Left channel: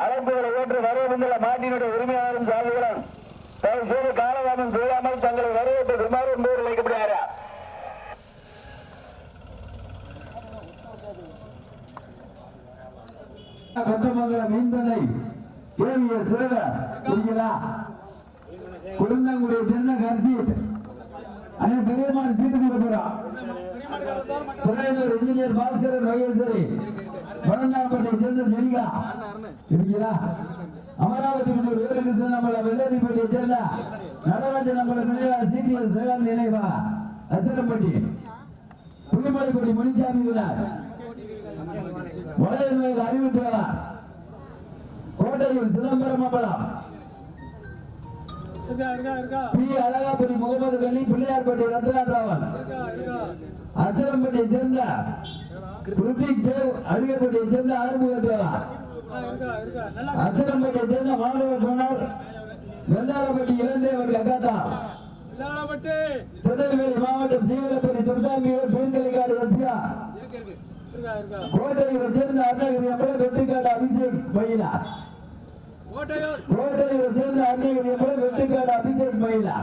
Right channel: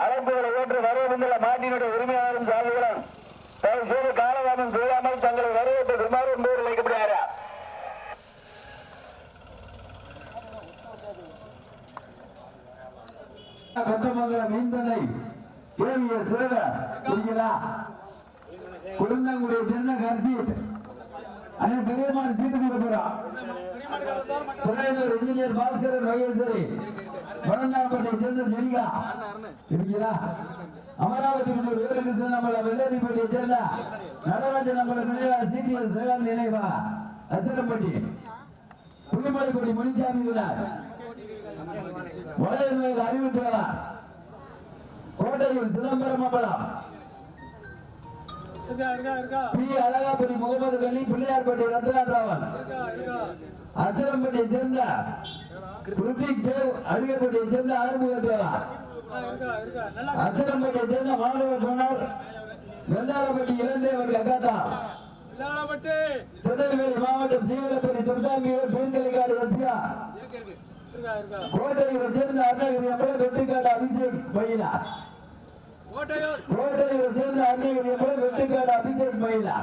அழைப்புகளை ஏற்று வரவேண்டுள்ள மாட்டினுடைய உரிமையாளரும் சார்புகளும் தயவு செய்து காலதாமம் செய்யாமல் தங்களை வரவேற்று விமாறு என்பவர் அழைக்கப்படுகிறாரா கொத்தமங்கலம் மீன்பண்ணை கேவிய சேவை புரியுதா குழந்தாங்குடிய சின்ன பெரியமான சீட்டு துறையூர் இன்ஜினியர் பாஸ்கரன் வையசரி சேர்ந்த ஜெனிகா இருக்கிறா அமராவதி முதல் வேலுகிருஷ்ணன் நம்மள வெள்ளரிப்பட்டியை சேர்ந்த நடராஜன் நம்மள நினைவா? சிடிஎஸ் சேகர் நினைவா புள்ளிமலைப்பட்டி முனிசாமி கோட்டையில் சிதம்பரம் அம்பலம் பி. அழகாபுரி முகமது பிள்ளையார்பட்டி ரத்னாராவன். அச்சரம்பட்டியை சேர்ந்த ருத்திக் தேவ் அழுகப்பட்டியை சேர்ந்த ஆறுமுக அச்சரம்பட்டியை சேர்ந்த மாணவ குணர் வெள்ளாளப்பட்டி இளந்தேவன் கக்காத்தா இல்லாமட்டு திருநெல்வேலி மாவட்டம் துர்காமியூர் இருக்கா கோட்டையில் சேர்ந்த அருணகிரி அம்பலம் வெட்டுக்காடு அபிஷேக் மயிலா கோட்டையில் சேர்ந்த அருணகிரி அம்பலம் வெட்டுக்காடு அபிஷேக் மயிலா